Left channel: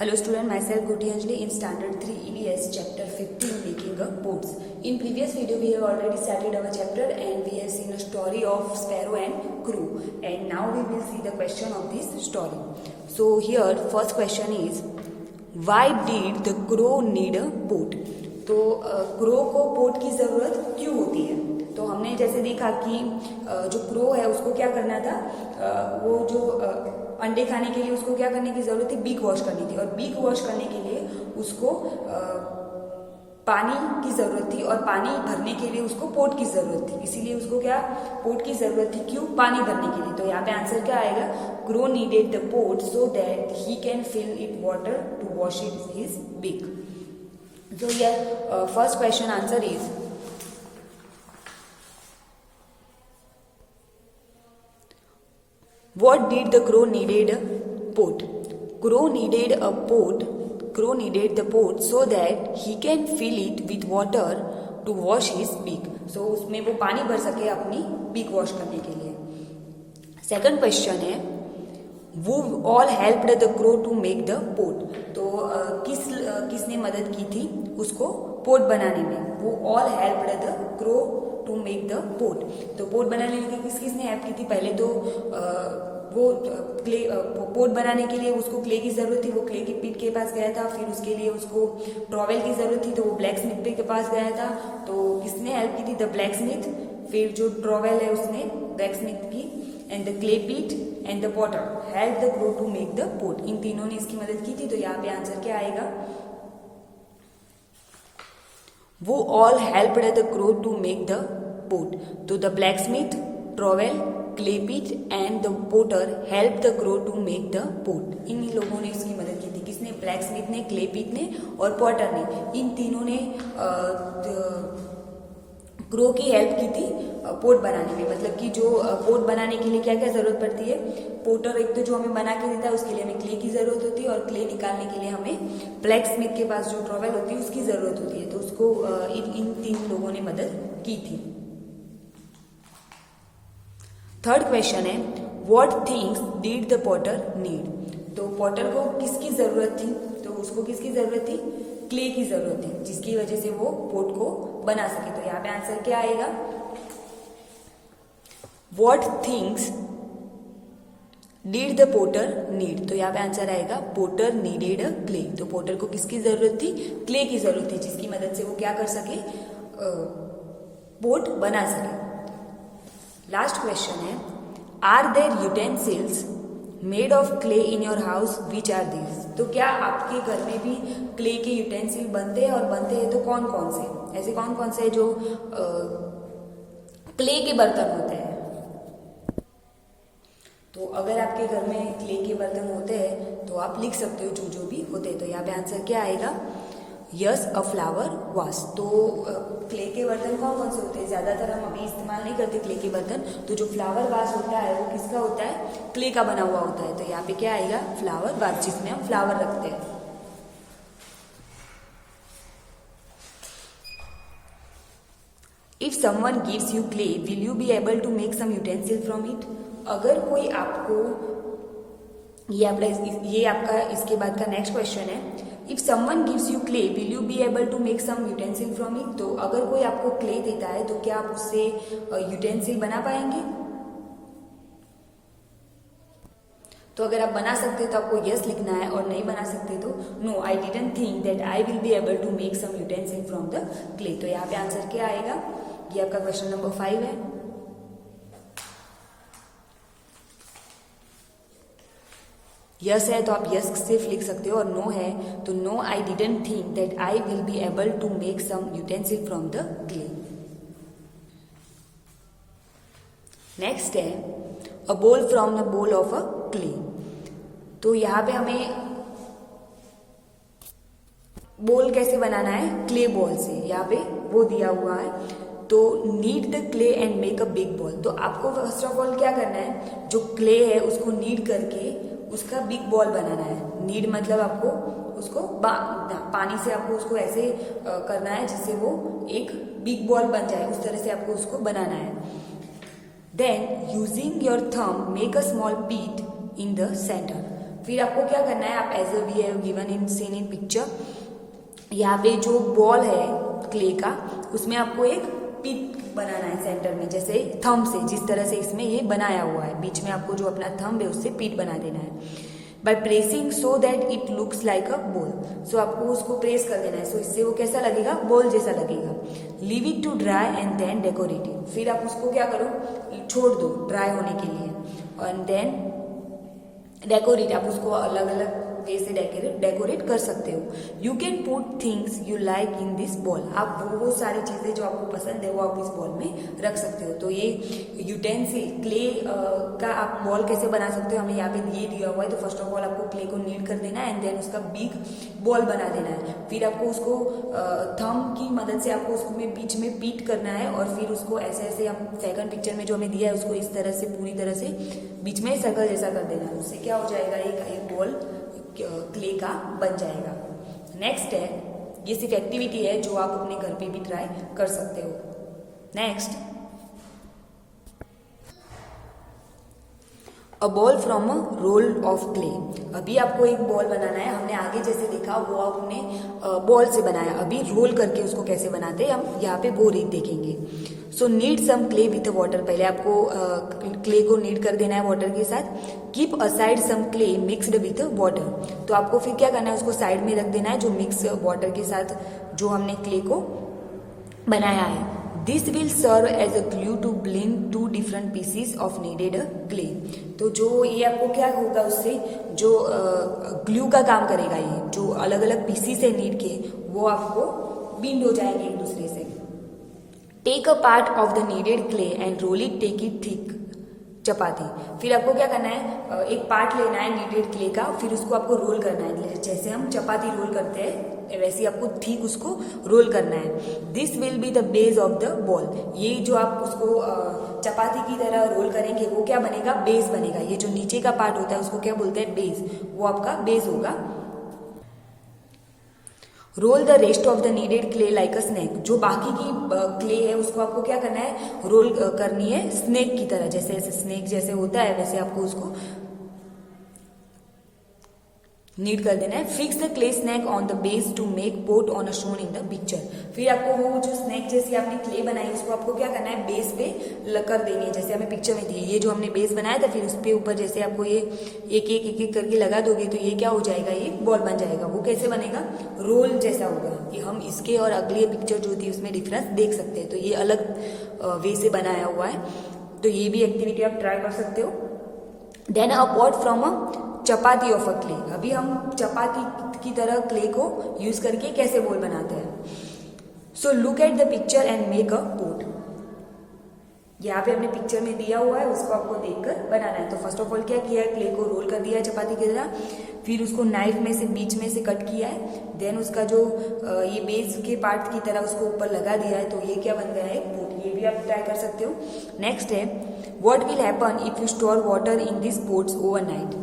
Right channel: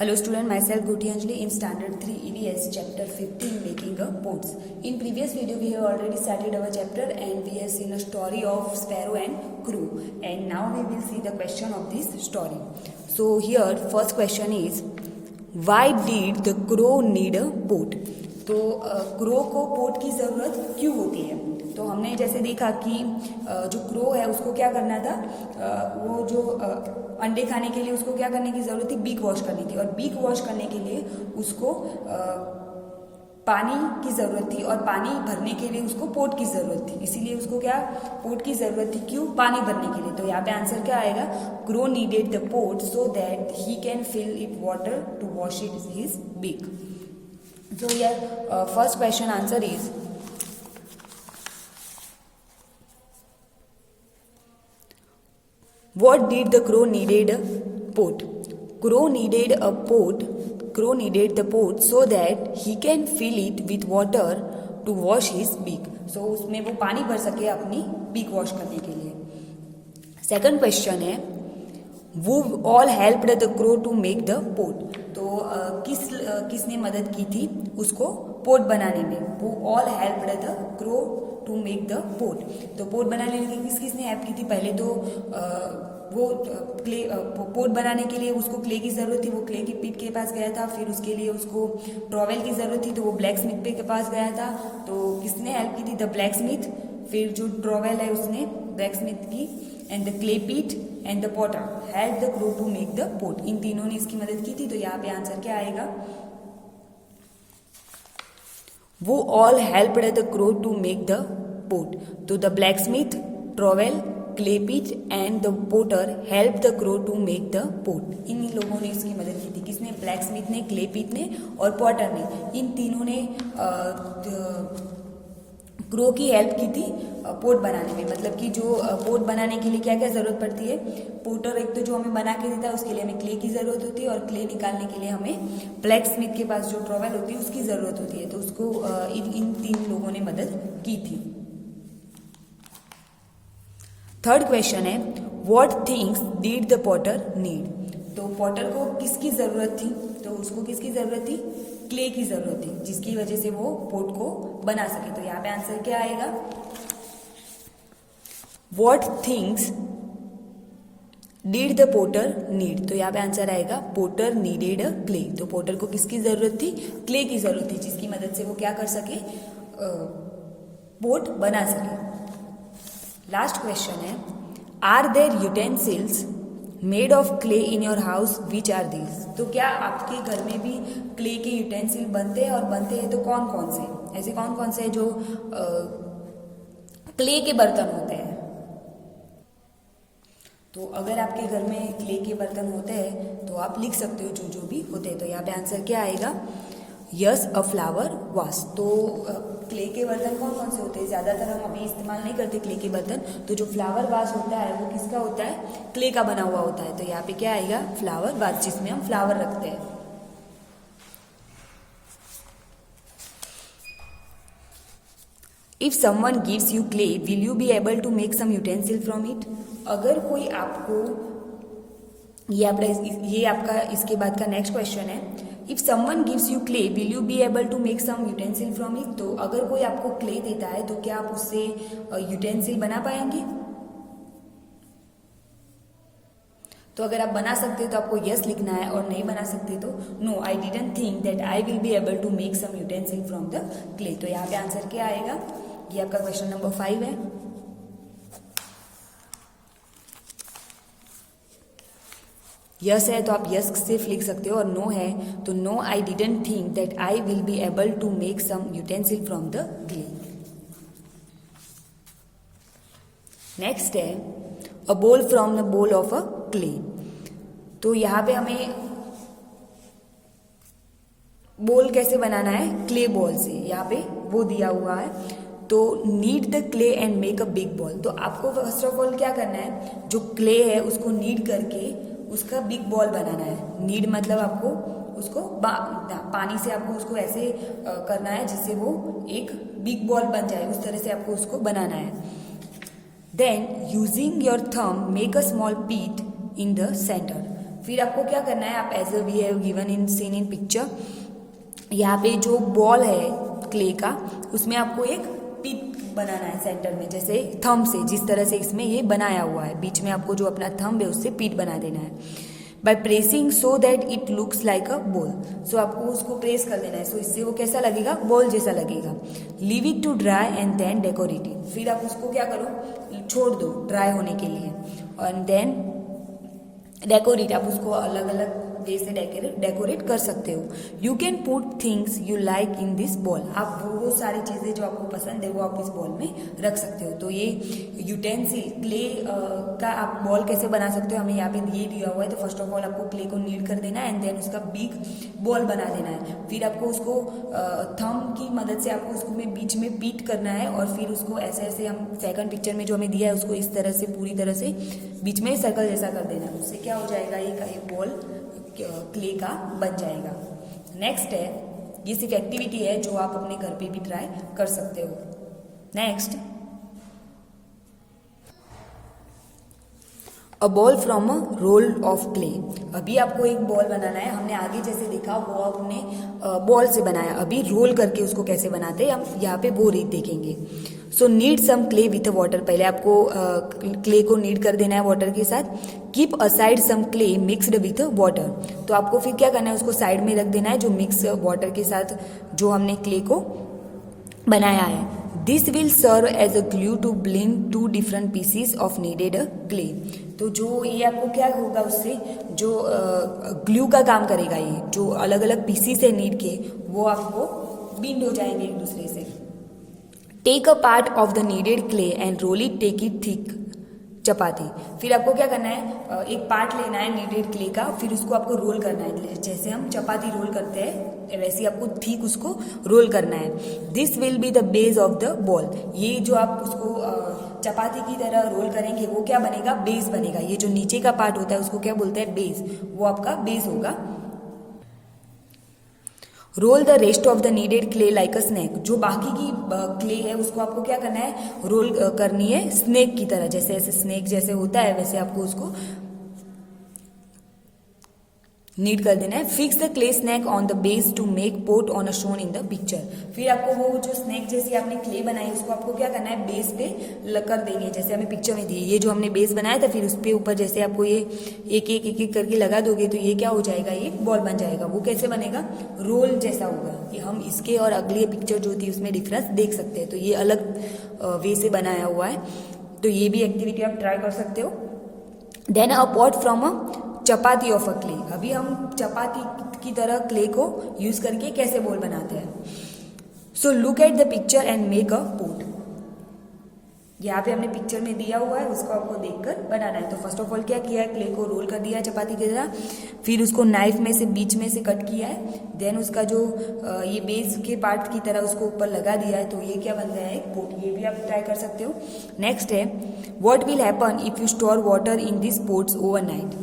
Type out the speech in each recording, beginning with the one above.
Hello student, myself Goti Anjali in standard 3 EVS chapter 15 making a boats. In previous video we have already started our chapter and we have seen a story of sparrow and crow, and now we will see the question of this story. So here first question is, why did the crow need a boat? तो crow को boat की ज़रूरत क्यों होती है? तो हमने जैसे देखा कि जो क्रो है उसको क्या करना था, वो जो अंडे खाने के लिए उसको क्या करने की ज़रूरत थी, बीक वॉश करनी थी, और बीक वॉश करने के लिए उसको पानी की ज़रूरत थी, और पानी भरने के लिए उसको पोट की ज़रूरत थी, इसीलिए उसको क्या पोट की ज़रूरत थी, क्यों? पानी भरने के लिए। तो यहाँ पे आंसर क्या आएगा, crow needed the pot so that he can fill it water to wash it his beak. So here first question answer is, what did the crow needed a pot? Crow needed a pot. Crow needed the pot so that he can fill it with water to wash his beak. So उसमें वो पानी भर सके अपनी beak wash करने के लिए. Second question है, who all helped the crow to make the pot. तो किसने मदद की थी उसको पोट बनाने में? Who all helped the crow to make the pot. तो पोट बनाने में किसने हेल्प की थी? पहले तो वो क्ले पोट बनाने के लिए उसको क्ले की ज़रूरत थी, वो क्ले की पिट के पास गया था. फिर उसके लिए उसको ट्रॉवेल की ज़रूरत थी, तो वो ब्लैक स्मिथ के पास गया था. तो किसने हेल्प की थी? The blacksmith. फिर जो ट्रॉवेल है उसने ब्लैक स्मिथ की, and the clay pit and the potter help the crow to make the pot. इन तीनों ने इसकी मदद की थी. तो यहाँ पे आंसर क्या आएगा, वो all helped the crow to make the pot. तो the blacksmith, trowel, clay pit and the potter help the crow to make the pot. इन लोगों ने इसकी मदद की थी. किसने? ब्लैक स्मिथ ने, क्ले पिट ने और पॉटर ने. इन तीनों ने क्रो की हेल्प की थी पोट बनाने में. मतलब कि जो पोट बनाने के लिए क्या क्या ज़रूरत पड़ती है? पोटर एक तो जो हमें बना के देता है उसके लिए हमें क्ले की ज़रूरत होती है, और क्ले निकालने के लिए हमें ब्लैक स्मिथ के पास जो ट्रॉवेल होती है उसकी ज़रूरत होती है. तो उसको इन तीन लोगों ने मदद की थी. थर्ड क्वेश्चन है, what things did the Potter need? तो पॉटर को किसकी ज़रूरत थी? तो उसको किसकी ज़रूरत थी? क्ले की ज़रूरत थी, जिसकी वजह से वो पोट को बना सके. तो यहाँ पे आंसर क्या आएगा, what things did the potter need? तो यहाँ पे आंसर आएगा, पोटर नीडेड अ क्ले. तो पोटर को किसकी ज़रूरत थी? क्ले की ज़रूरत थी, जिसकी मदद से वो क्या कर सके, पोट बना सके. लास्ट क्वेश्चन है, are there utensils made of clay in your house, which are these? तो क्या आपके घर में भी क्ले के यूटेंसिल बनते हैं, और बनते हैं तो कौन कौन से? ऐसे कौन कौन से जो क्ले के बर्तन होते हैं? तो अगर आपके घर में क्ले के बर्तन होते हैं तो आप लिख सकते हो जो जो भी होते हैं. तो यहाँ पे आंसर क्या आएगा, यस अ फ्लावर वास. तो क्ले के बर्तन कौन कौन से होते हैं? ज़्यादातर हम अभी इस्तेमाल नहीं करते क्ले के बर्तन. तो जो फ्लावर वास होता है वो किसका होता है? क्ले का बना हुआ होता है. तो यहाँ पे क्या आएगा, फ्लावर वास, जिसमें हम फ्लावर रखते हैं. If someone gives you clay will you be able to make some utensil from it? अगर कोई आपको, ये आपका इसके बाद का नेक्स्ट क्वेश्चन है, if someone gives you clay will you be able to make some utensil from it? तो अगर कोई आपको क्ले देता है तो क्या आप उससे यूटेंसिल बना पाएंगे? तो अगर आप बना सकते तो आपको यस लिखना है, और नहीं बना सकते तो no, I didn't think that I will be able to make some utensil from the clay. तो यहाँ पे आंसर क्या आएगा, ये आपका क्वेश्चन नंबर 5 है. यस है तो आप यस सिर्फ लिख सकते हो, और नो है तो no, I didn't think that I will be able to make some utensil from the clay. Next है, a bowl from the bowl of a clay. तो यहाँ पे हमें बोल कैसे बनाना है? क्ले बॉल से. यहाँ पे वो दिया हुआ है, तो need the clay and make a big ball. तो आपको फर्स्ट ऑफ ऑल क्या करना है, जो क्ले है उसको नीड करके उसका बिग बॉल बनाना है. नीड मतलब आपको उसको पानी से आपको उसको ऐसे करना है जिससे वो एक बिग बॉल बन जाए. उस तरह से आपको उसको बनाना है. Then using your thumb make a small pit in the center. फिर आपको क्या करना है, आप as we have given in seen in picture, यहाँ पे जो बॉल है क्ले का उसमें आपको एक पिट बनाना है सेंटर में, जैसे थंब से जिस तरह से इसमें ये बनाया हुआ है, बीच में आपको जो अपना थंब है उससे पिट बना देना है by pressing so that it looks like a ball. So आपको उसको प्रेस कर देना है, सो इससे वो कैसा लगेगा, बॉल जैसा लगेगा। Leave it to dry and then decorate it, फिर आप उसको क्या करो, छोड़ दो ड्राई होने के लिए, एंड देन डेकोरेट, आप उसको अलग अलग वे से डेकोरेट कर सकते हो। You can put things you like in this ball, आप वो सारी चीजें जो आपको पसंद है वो आप इस बॉल में रख सकते हो। तो ये यूटेंसिल क्ले का आप बॉल कैसे बना सकते हो, हमें यहाँ पे ये दिया हुआ है। तो फर्स्ट ऑफ ऑल आपको क्ले को नीड कर देना है एंड देन उसका बिग बॉल बना देना है। फिर आपको उसको थंब की मदद से आपको उसको में बीच में बीट करना है और फिर उसको ऐसे ऐसे, हम सेकंड पिक्चर में जो हमें दिया है उसको इस तरह से पूरी तरह से बीच में सर्कल जैसा कर देना है। उससे क्या हो जाएगा, एक बॉल क्ले का बन जाएगा। नेक्स्ट है, ये सिर्फ एक्टिविटी है जो आप अपने घर पे भी ट्राई कर सकते हो। Next, a ball from a roll of clay. अभी आपको एक बॉल बनाना है, हमने आगे जैसे देखा वो आपने बॉल से बनाया, अभी रोल करके उसको कैसे बनाते हैं हम यहाँ पे वो देखेंगे। So knead some clay with water, पहले आपको क्ले को नीड कर देना है वाटर के साथ। Keep aside some clay mixed with water, तो आपको फिर क्या करना है, उसको साइड में रख देना है जो मिक्स वाटर के साथ जो हमने क्ले को बनाया है। This will serve as a glue to bring two different pieces of kneaded clay, तो जो ये आपको क्या होगा, उससे जो ग्लू का काम करेगा, ये जो अलग अलग पीसीज है नीड के वो आपको बिंड हो जाएंगे एक दूसरे से। Take a part of the needed clay and roll it, take it thick chapati, फिर आपको क्या करना है, एक पार्ट लेना है नीडेड क्ले का, फिर उसको आपको रोल करना है, जैसे हम चपाती रोल करते हैं वैसे आपको ठीक उसको रोल करना है। This will be the base of the ball, ये जो आप उसको चपाती की तरह रोल करेंगे वो क्या बनेगा, बेस बनेगा। ये जो नीचे का पार्ट होता है उसको क्या बोलते हैं, बेस, वो आपका बेस होगा। Roll the rest of the needed clay like a snake, जो बाकी की क्ले है उसको आपको क्या करना है, रोल करनी है स्नेक की तरह, जैसे ऐसे स्नेक जैसे होता है वैसे आपको उसको नीड कर देना है। Fix the clay snake on the base to make pot on a shown in the picture, फिर आपको वो जो स्नेक जैसी आपने क्ले बनाई उसको आपको क्या करना है, बेस पे कर देंगे, जैसे हमें पिक्चर में दिए। ये जो हमने बेस बनाया था फिर उस पे ऊपर जैसे आपको ये एक एक करके लगा दोगे तो ये क्या हो जाएगा, ये बॉल बन जाएगा। वो कैसे बनेगा, रोल जैसा होगा। कि हम इसके और अगली पिक्चर जो थी उसमें डिफरेंस देख सकते हैं। तो ये अलग वे से बनाया हुआ है, तो ये भी एक्टिविटी आप ट्राई कर सकते हो। Then a pot from a chapati of a clay, अभी हम चपाती की तरह क्ले को यूज करके कैसे बॉल बनाते हैं। So look at the picture and make a pot, यहाँ पे हमने पिक्चर में दिया हुआ है उसको आपको देखकर बनाना है। तो फर्स्ट ऑफ ऑल क्या किया है, क्ले को रोल कर दिया है चपाती की तरह, फिर उसको नाइफ में से बीच में से कट किया है, देन उसका जो ये बेस के पार्ट की तरह उसको ऊपर लगा दिया है, तो ये क्या बन गया है, एक पोट। ये भी आप ट्राई कर सकते हो। नेक्स्ट है, what will happen if you store water in this pots overnight,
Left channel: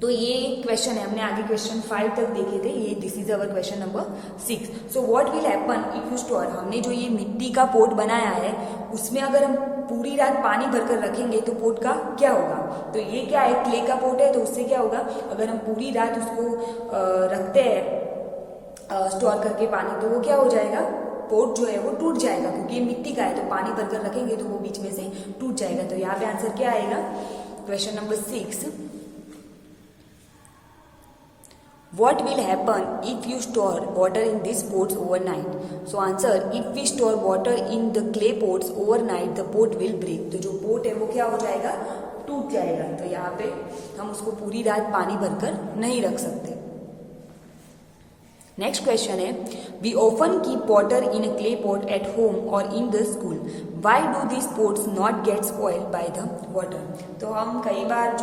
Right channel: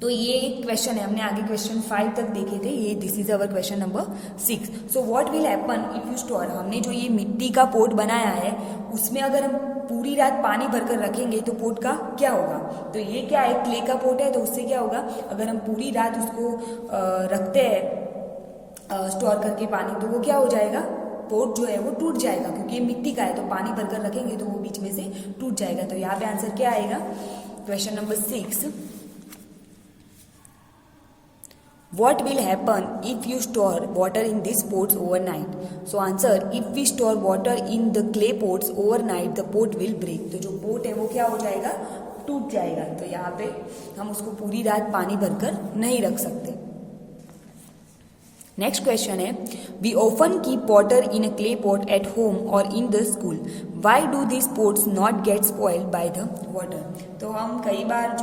तो ये एक क्वेश्चन है, हमने आगे क्वेश्चन 5 तक देखे थे, ये this is our question number 6। So what will happen if you store, हमने जो ये मिट्टी का पोट बनाया है उसमें अगर हम पूरी रात पानी भरकर रखेंगे तो पोट का क्या होगा। तो ये क्या है, क्ले का पोट है, तो उससे क्या होगा, अगर हम पूरी रात उसको रखते हैं स्टोर करके पानी, तो वो क्या हो जाएगा, पोट जो है वो टूट जाएगा, क्योंकि ये मिट्टी का है तो पानी भरकर रखेंगे तो वो बीच में से टूट जाएगा। तो यहाँ पे आंसर क्या आएगा, question number 6, What will happen if you store water in these pots overnight? So answer, if we store water in the clay pots overnight, the pot will break. तो जो पोट है वो क्या हो जाएगा, टूट जाएगा। तो यहाँ पे हम उसको पूरी रात पानी भरकर नहीं रख सकते। नेक्स्ट क्वेश्चन है, we often keep water in a clay pot at home और in the school, why do this pots not get spoiled by the water. तो हम कई बार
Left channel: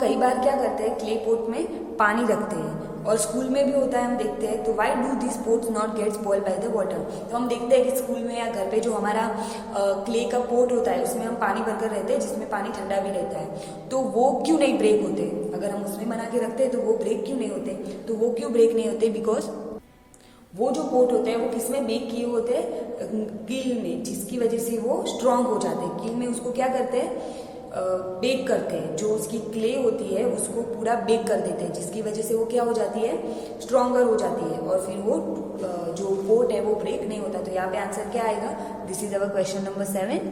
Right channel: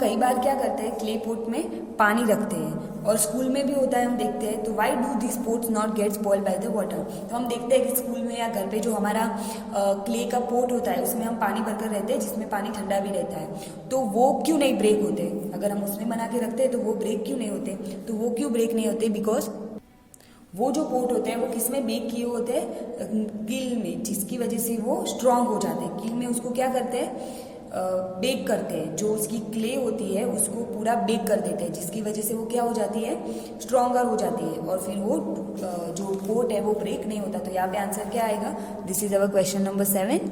कई बार क्या करते हैं, क्ले पोट में पानी रखते हैं और स्कूल में भी होता है, हम देखते हैं। तो why do this pots not get spoiled by the water, तो हम देखते हैं कि स्कूल में या घर पे जो हमारा क्ले का पोट होता है उसमें हम पानी भरकर रहते हैं, जिसमें पानी ठंडा भी रहता है, तो वो क्यों नहीं ब्रेक होते। अगर हम उसमें बना के रखते हैं तो वो ब्रेक क्यों नहीं होते, तो वो क्यों ब्रेक नहीं होते, बिकॉज वो जो पोट होते हैं वो किसमें बेक किए होते हैं, गिल में, जिसकी वजह से वो स्ट्रांग हो जाते हैं। गिल में उसको क्या करते हैं, बेक करते हैं, जो उसकी क्ले होती है उसको पूरा बेक कर देते हैं, जिसकी वजह से वो क्या हो जाती है, स्ट्रॉन्गर हो जाती है और फिर वो जो पोट है वो ब्रेक नहीं होता। तो यहाँ पे आंसर क्या आएगा, this is our question number 7।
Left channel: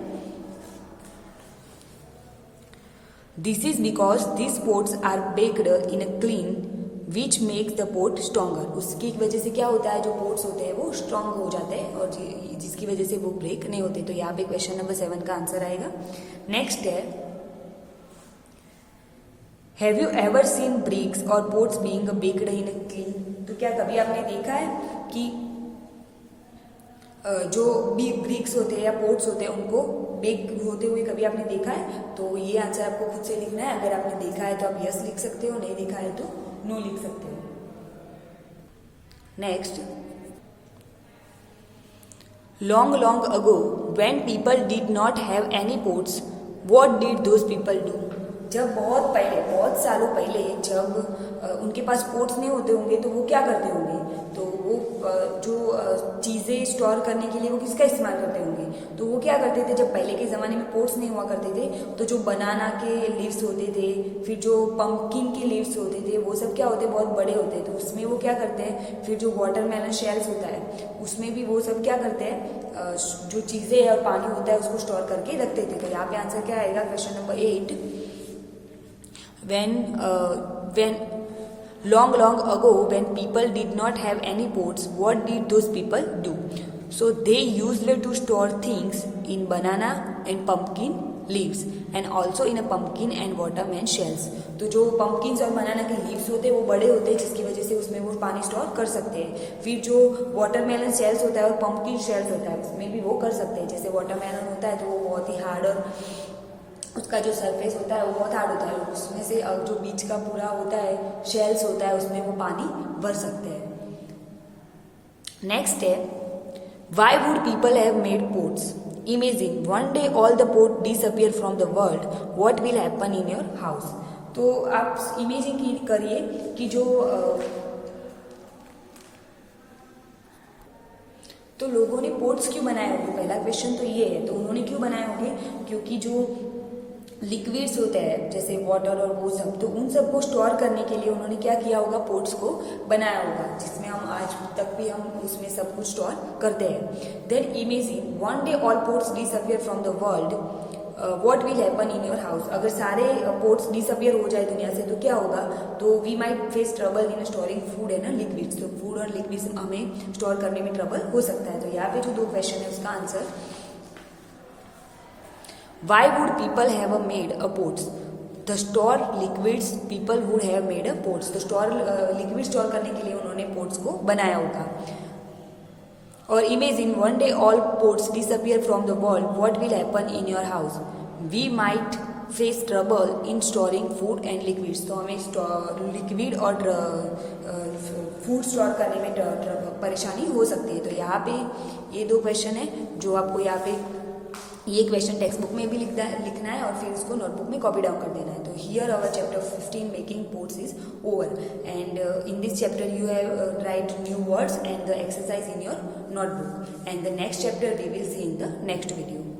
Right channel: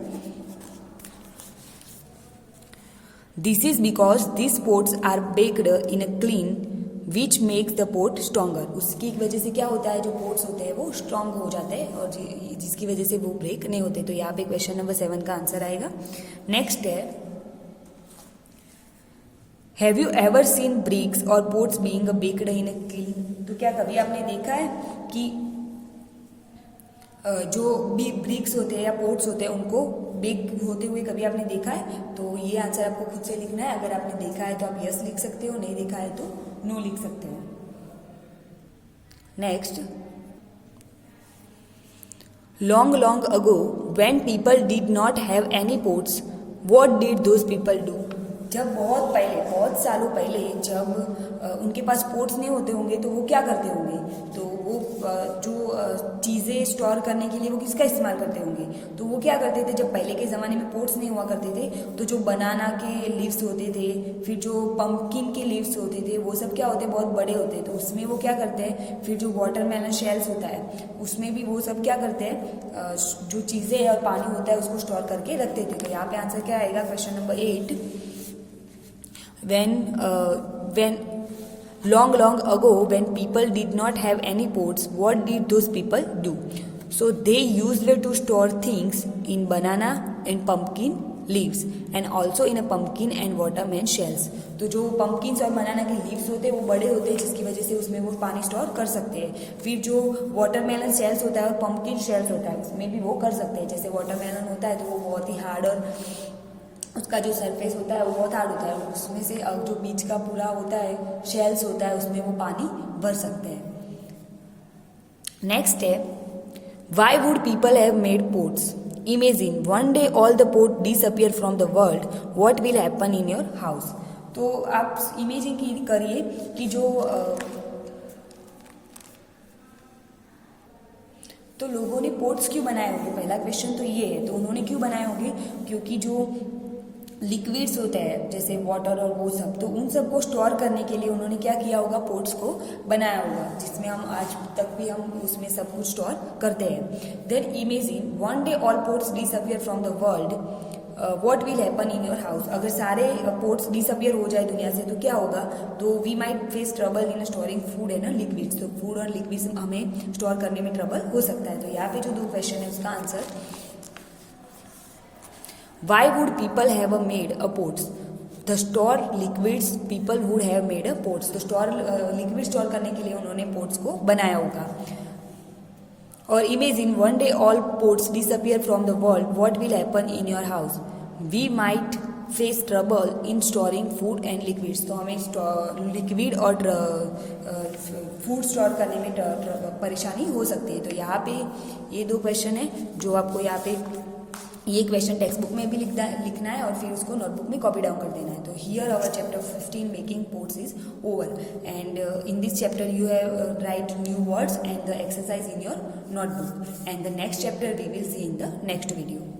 This is because this pots are baked in a kiln which makes the pot stronger. उसकी वजह से क्या होता है, जो पोट्स होते हैं वो स्ट्रॉन्ग हो जाते हैं और जिसकी वजह से वो ब्रेक नहीं होते। तो यहाँ पे क्वेश्चन नंबर 7 का आंसर आएगा। नेक्स्ट है, have you ever seen bricks और pots being baked in a kiln. तो क्या कभी आपने देखा है कि जो भी ब्रिक्स होते हैं या पोट्स होते हैं उनको बेक होते हुए कभी आपने देखा है। तो ये आंसर आपको खुद से लिखना है। अगर आपने देखा है तो आप यस लिख सकते हो, नहीं देखा है तो नो लिख सकते हो। Next, long long ago when people did not have any pots what did those people do. जब बहुत पहले, बहुत सालों पहले जब उनके पास पोट्स नहीं होते होंगे तो वो क्या करते होंगे, तो वो जो चीज़ें स्टोर करने के लिए वो किसका इस्तेमाल करते होंगे, तो वो क्या करते थे, जब पहले के ज़माने में पोट्स नहीं हुआ करते थे तो जो बनाना के लीव्स होते थे, फिर जो पंपकिन के लीव्स होते थे, वो सब क्या होते, बहुत बड़े होते हैं। तो उसमें वो क्या करते हैं, फिर जो वाटरमेलन शेल्स होता है उसमें भी वो सब क्या करते हैं, जो चीज़ें है और पानी होता है उसको स्टोर करके रखते थे। तो यहाँ पे आंसर क्या आएगा, question number 8। when long ago when people did not have any pots, what did those people do? So they used to store things in banana and pumpkin leaves and also in a pumpkin and watermelon shells. तो जो pumpkins और बनाना के leaves होते हैं वो बड़े होते हैं जिसकी वजह से उसमें वो पानी स्टोर कर सकते हैं। फिर जो watermelon shells होता है और pumpkin shells होता है उसमें भी वो कर सकते हैं। जैसे watermelon होता है तो वो बहुत ही हार्ड और उसका जो सरफेस होता है वो बहुत हार्ड होता है, उसमें से जो बीच का पूरा होता है, शेल्स होता है, उसमें वो पानी भर सकते हैं। नेक्स्ट है, why would people have made pots? Imagine one day all the pot disappear from the world, what will happen in your house. तो आप इमेजिन करिए कि जो तो लोगों ने पोट्स क्यों बनाए होंगे, पहला क्वेश्चन तो ये है। तो उन्होंने क्यों बनाए होंगे, क्योंकि जो लिक्विड्स होते हैं जैसे वाटर और वो सब, तो उन सब को स्टोर करने के लिए उन्होंने क्या किया होगा, पोट्स को बनाया होगा, जिसमें हम आज तक भी हम उसमें सब कुछ स्टोर करते हैं। Then imagine one day all pots disappear from the world, what will happen in your house. अगर सारे पोट्स डिसअपियर हो जाए दुनिया से तो क्या होगा, तो we might face trouble in storing food and liquids. तो फूड और लिक्विड्स हमें स्टोर करने में ट्रबल हो सकता है। तो यहाँ पे जो 2 क्वेश्चन है उसका answer, why would people have made a pots? The store liquids people would have made a pots. तो store liquid store करने के लिए उन्होंने pots को बनाया होगा। और imagine one day all pots disappear from the world, what will happen in your house? We might face trouble in storing food and liquids. तो हमें लिक्विड और फूड स्टोर करने में परेशानी हो सकती है। तो यहाँ पे ये 2 क्वेश्चन है जो आपको यहाँ पे ये क्वेश्चन टेक्स्ट बुक में भी लिखना है और फिर उसको नोटबुक में कॉपी डाउन कर देना है। तो here our chapter 15 making pots is over and in this chapter you have write new words and the exercise in your notebook and the next chapter we will see in the next video.